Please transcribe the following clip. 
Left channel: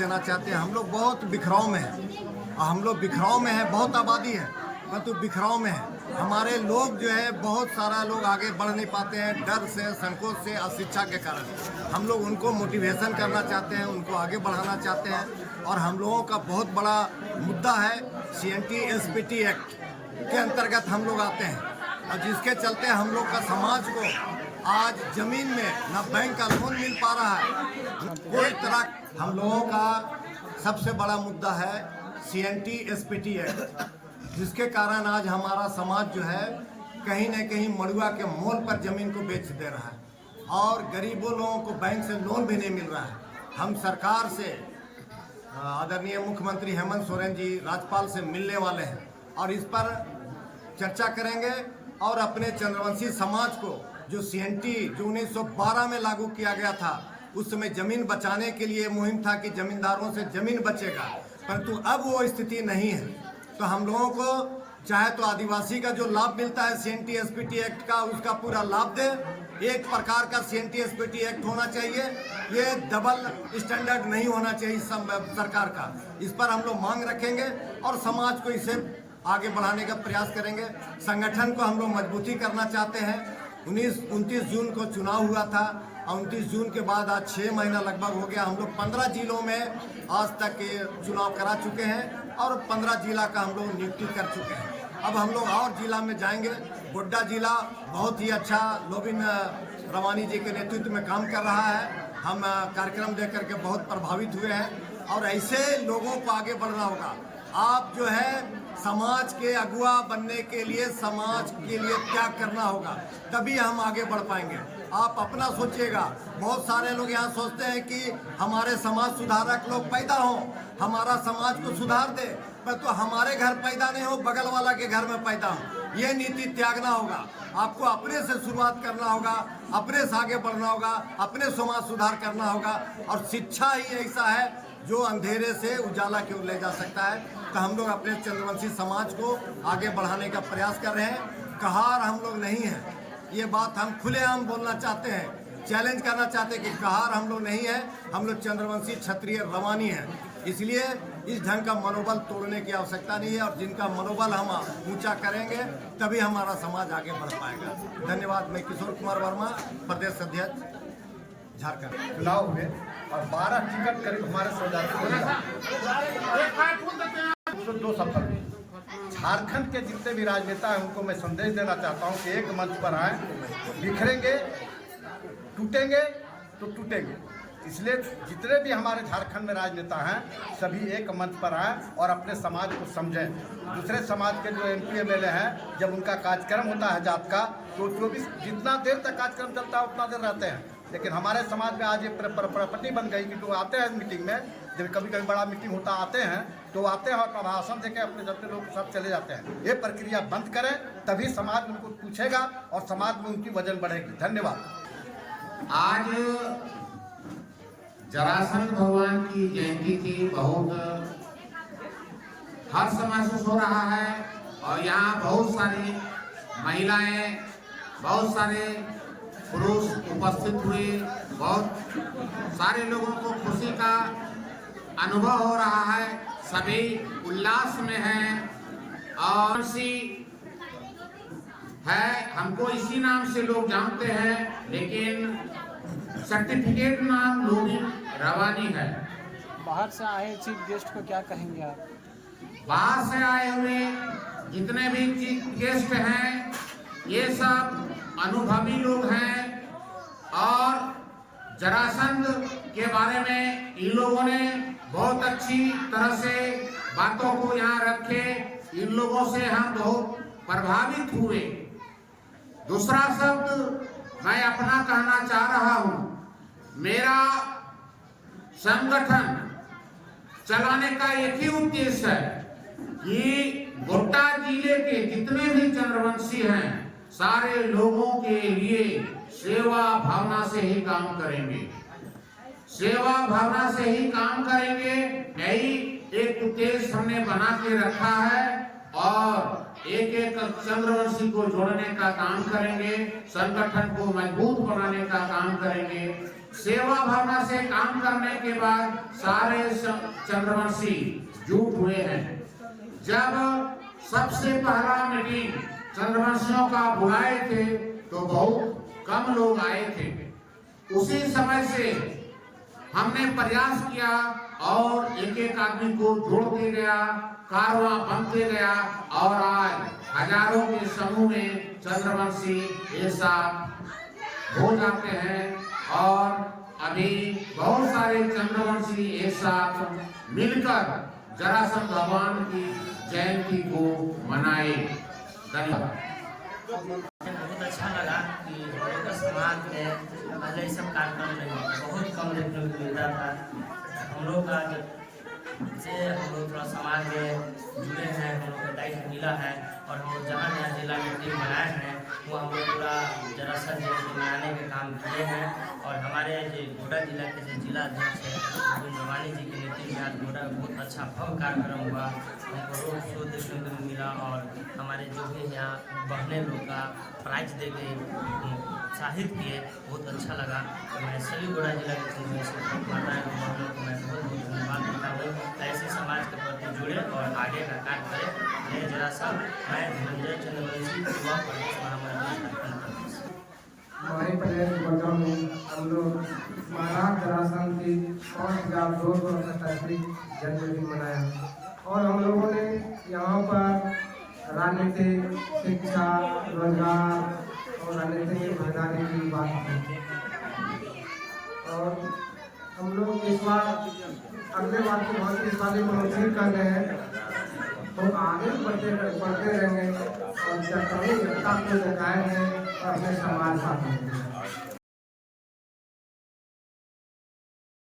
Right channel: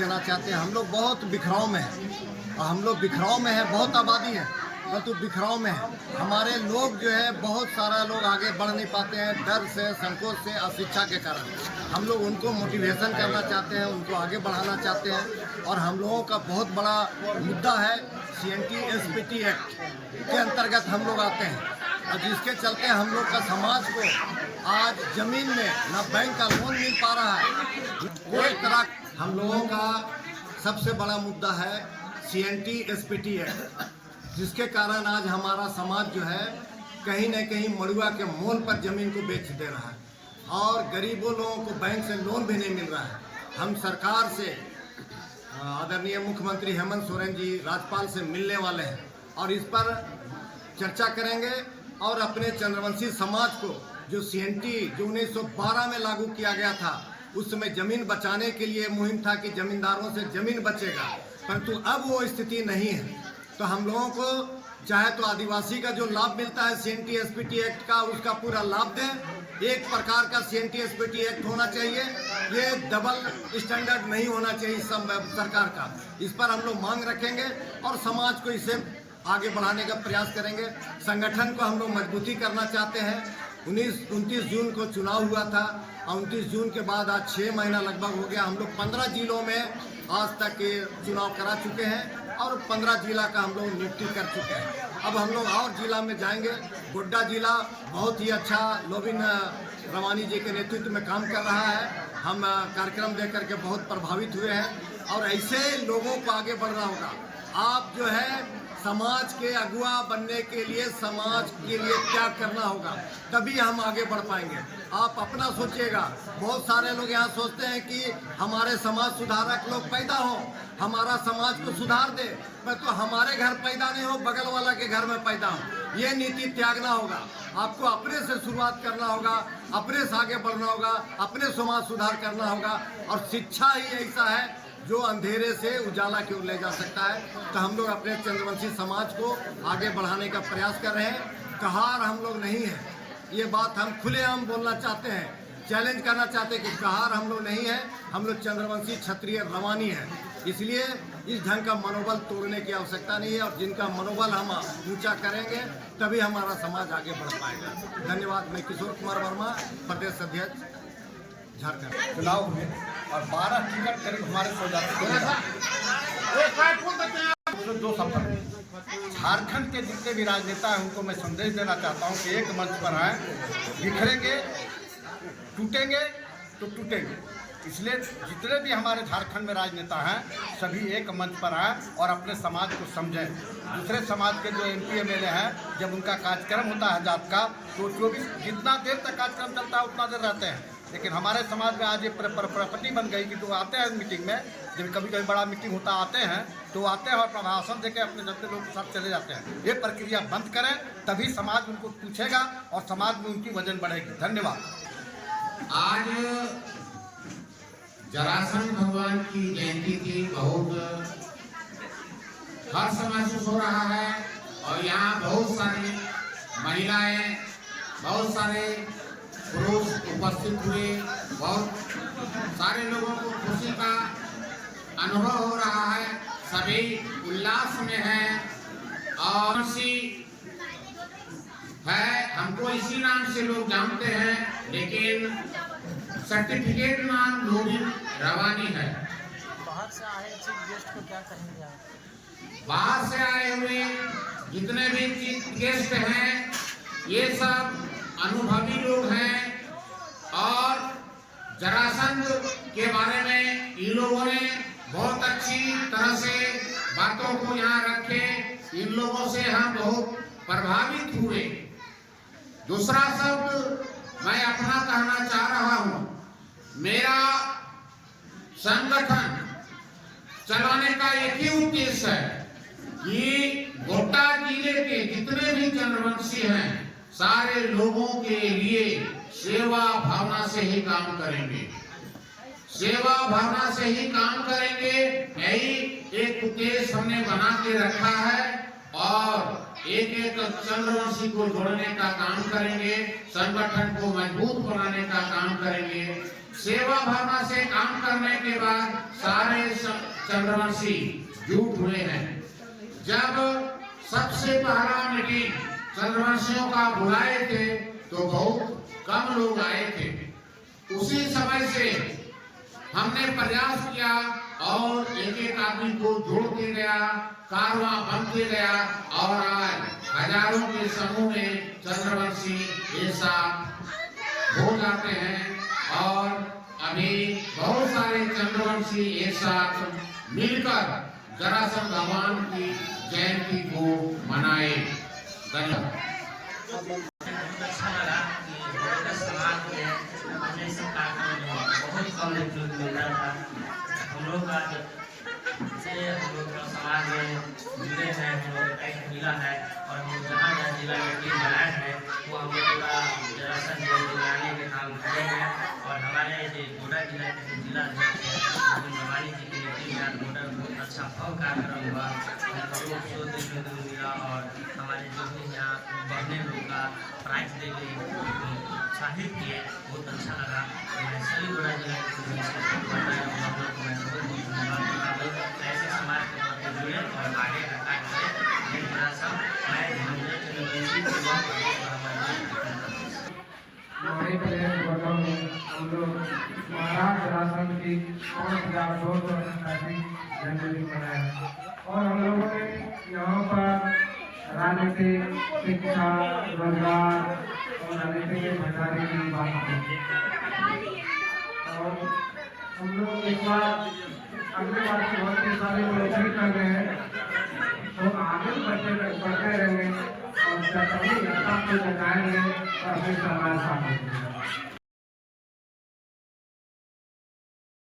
देना चाहते हैं। हम लोग बहुत बिखराव में हैं और हम लोग बिखराव में हैं, बहुत आबादी है परंतु बिखराव में है। हमारे लोग जो है बहुत सारा लोग आगे बढ़ नहीं पाते हैं, डर से, संकोच से, अशिक्षा के कारण। हम लोग उनको मोटिवेशन करना चाहते हैं, उनको आगे बढ़ाना चाहते हैं और हम लोगों का बहुत बड़ा मुद्दा है CNT SPT एक्ट के अंतर्गत हम लोग आते हैं और जिसके चलते हम लोग का समाज को आज ज़मीन में ना बैंक का लोन मिल पा रहा है, कोई तरह। हम लोगों का सबसे बड़ा मुद्दा है CNT SPT एक्ट, जिसके कारण आज हमारा समाज जो है कहीं न कहीं मड़ुआ के मोल पर ज़मीन को बेच दे रहा है और गरीबों लोगों को बैंक से लोन भी नहीं मिल रहा है। हम सरकार से, आदरणीय मुख्यमंत्री हेमंत सोरेन जी, राज्यपाल से मिलने वाले हैं और इस पर चर्चा करेंगे और अपने चंद्रवंशी समाज को जो CNT जो 1912 में लागू किया गया था, उस समय ज़मीन बचाने के लिए मुहिम था कि ज़मींदारों से ज़मीन बचेगा, परंतु अब वो स्थिति नहीं है। तो हम लोगों को चाहे तो आदिवासी का जो लाभ मिलता है CNT SPT एक्ट का, उसका पूरा लाभ दें। एक प्रकार का CNT SPT एक्ट होना चाहिए, ये डबल स्टैंडर्ड नहीं होना चाहिए सरकार का। इस पर हम लोग मांग रखेंगे और समाज को इसे आगे बढ़ाने का प्रयास करेंगे। संगठन को हम लोग मजबूती करना चाहते हैं। 29 जून को चुनाव हुआ था और 29 जून के बाद आज 6 महीना लगभग हो गया। हम लोग 15 जिलों में आज तक चुनाव करा चुके हैं और 15 जिला का हम लोग नियुक्ति कर चुके हैं। अब हम लोग और जिला में जाएंगे। गोड्डा जिला बहुत ही अच्छा लोबिन रवानी जी के नेतृत्व में काम कर रहा है। हम कार्यक्रम देख करके बहुत प्रभावित हुए हैं और ऐसे लोगों को आगे बढ़ना होगा। आप जो है समाज के अगुआ बनने के लिए समाज के लिए त्याग करना होगा, तभी हम आगे बढ़ पाएंगे। आप अपना सोचिएगा। बहुत सारे लोग यहाँ सोचते हैं कि हमारे समाज सुधारक लोग पैदा हों, हमारा समाज को सुधार दे, पर तो हमारे घर पैदा नहीं हो, बगल वाला के घर में पैदा हो। ये नीति त्यागना होगा। आपको अपने से शुरुआत करना होगा, अपने से आगे बढ़ना होगा, अपने समाज सुधार करना होगा और शिक्षा ही ऐसा है जो अंधेरे से उजाला की ओर ले जा सकता है। तो हम लोग अपने चंद्रवंशी समाज को आगे बढ़ाने का प्रयास कर रहे हैं। कहार हम लोग नहीं है, ये बात हम खुलेआम बोलना चाहते हैं, चैलेंज करना चाहते हैं कि कहार हम लोग नहीं है। हम लोग चंद्रवंशी क्षत्रिय रवानी हैं। इसलिए इस ढंग का मनोबल तोड़ने की आवश्यकता नहीं है और जिनका मनोबल हम ऊंचा करेंगे तभी हमारा समाज आगे बढ़ पाएगा। धन्यवाद। मैं किशोर कुमार वर्मा, प्रदेश अध्यक्ष, झारखंड। चुनाव में और 12 टिकट करीब हमारे स्वजाति को मिला, तो 2 सफल हुए। झारखंड के जितने भी राजनेता हैं उनको मैं संदेश देना चाहता हूं कि एक मंच पर आए, बिखरेंगे, टूटेंगे तो टूटेंगे। इसलिए जितने भी हमारे झारखंड में राजनेता हैं सभी एक मंच पर आए और अपने समाज को समझें। दूसरे समाज के जो MP MLA हैं, जब उनका कार्यक्रम होता है जात का, तो 24 जितना देर तक कार्यक्रम चलता है उतना देर रहते हैं। लेकिन हमारे समाज में आज ये प्रॉपर्टी बन गई कि जो आते हैं मीटिंग में, जब कभी कभी बड़ा मीटिंग होता आते हैं तो आते हैं और प्रभाषण देके अपने जबते लोग के साथ चले जाते हैं। ये प्रक्रिया बंद करें, तभी समाज उनको पूछेगा और समाज में उनकी वजन बढ़ेगी। धन्यवाद। आज जरासंध भगवान की जयंती थी। बहुत हर्ष महसूस हो रहा है और यहाँ बहुत सारी महिलाएं, बहुत सारे पुरुष उपस्थित हुए। बहुत सारे लोगों को खुशी का अनुभव हो रहा है, सभी उल्लास में हैं और है हमको इसी नाम से लोग जानते हैं, लेकिन सर्टिफिकेट नाम लोबिन रवानी है। बाहर से आए चीफ गेस्ट को क्या कहेंगे आप? बाहर से आए हुए जितने भी चीफ गेस्ट हैं ये सब अनुभवी लोग हैं और जरासंध के बारे में इन लोगों ने बहुत अच्छी तरह से बातों को यहाँ रखे। इन लोगों से हम बहुत प्रभावित हुए। दूसरा शब्द मैं अपना कहना चाह रहा हूँ। मेरा संगठन चलाने का एक ही उद्देश्य है कि गोड्डा जिले के जितने भी चंद्रवंशी हैं सारे लोगों के लिए सेवा भावना से ही काम करेंगे। सेवा भावना से ही काम करेंगे, यही एक उद्देश्य हमने बना के रखा है और एक एक चंद्रवंशी को जोड़ने का काम करेंगे, संगठन को मजबूत बनाने का काम करेंगे। सेवा भावना से काम करने के बाद सारे चंद्रवंशी जुट हुए हैं। जब सबसे पहला मीटिंग चंद्रवंशियों का बुलाए थे तो बहुत कम लोग आए थे। उसी समय से हमने प्रयास किया और एक एक आदमी को जोड़ते गया, कारवां बनते गया और आज हजारों के समूह में चंद्रवंशी एक साथ हो जाते हैं और अभी बहुत सारे चंद्रवंशी एक साथ मिलकर जरासंध भगवान की जयंती को मनाए। धन्यवाद। बहुत अच्छा लगा कि हमारे समाज में पहले सब कार्यक्रम बहुत कम देखने को मिलता था। हम लोग का से हम लोग थोड़ा समाज में जुड़े हैं, हम लोग का टाइम मिला है और हम लोग जहाँ जहाँ जिला में टीम बनाए हैं वो हम लोग पूरा जरासंध जयंती मनाने के काम किए हैं। और हमारे जो गोड्डा जिला के जिला अध्यक्ष है रवानी जी के नेतृत्व में आज गोड्डा में बहुत अच्छा भव्य कार्यक्रम हुआ। हमको रोड शो देखने को मिला और हमारे जो भी यहाँ बहने लोग का प्राइज दे के उत्साहित किए, बहुत अच्छा लगा। मैं सभी गोड्डा जिला के बहुत धन्यवाद देता हूँ। ऐसे समाज के प्रति जुड़े और आगे का कार्य करें। मैं जरासंध मैं धनंजय चंद्रवंशी युवा प्रदेश महामंत्री। हमारे कल्याण गोड्डा में हम लोग महाराज जरासंध की 5237 जन्मदिन मनाया है और हम लोगों ने यहाँ पर राजनीतिक, शिक्षा, रोजगार और राजनीतिक भागीदारी की बात की और हम लोग इस बार अगले बार की बहुत इस बार मंजूरी कर रहे हैं तो आगे बढ़ते रहेंगे और एकता को जगाएंगे और अपने समाज साथ